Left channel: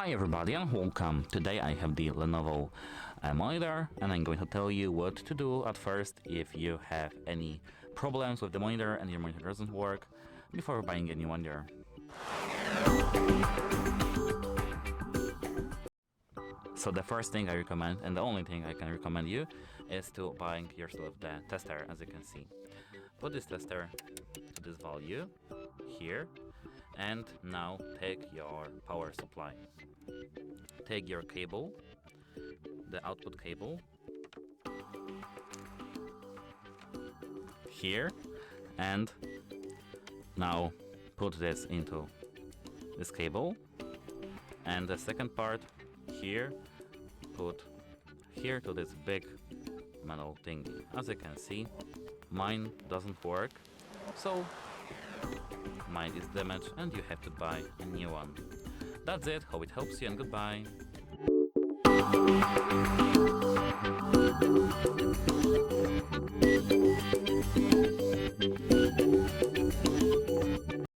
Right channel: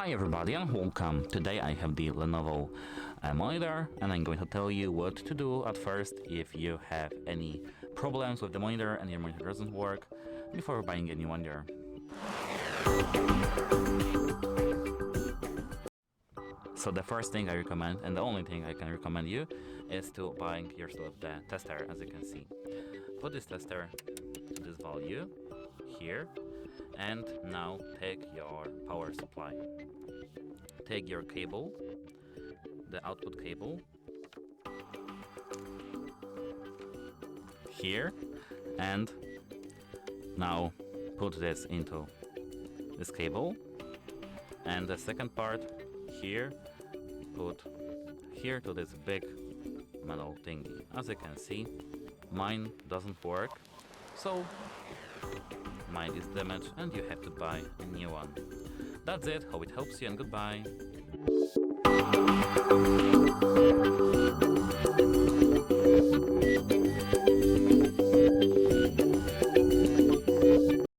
Hi everybody and welcome. Today I have the Lenovo monitor and I'm going to tell you what to do at first if you have any problems with the monitor and your monitor doesn't work before buying a new monitor. So the first thing I recommend, and the only thing I can recommend you, is to buy yourself the tester. As you can see, put this tester to this value here, and now take your power supply. Take your cable, the output cable, here, and now put this into this cable, and the second part here, put here to this big metal thingy. As you can see, mine doesn't work, so mine is damaged and you have to buy a new one. That's it, hope it helps you and goodbye.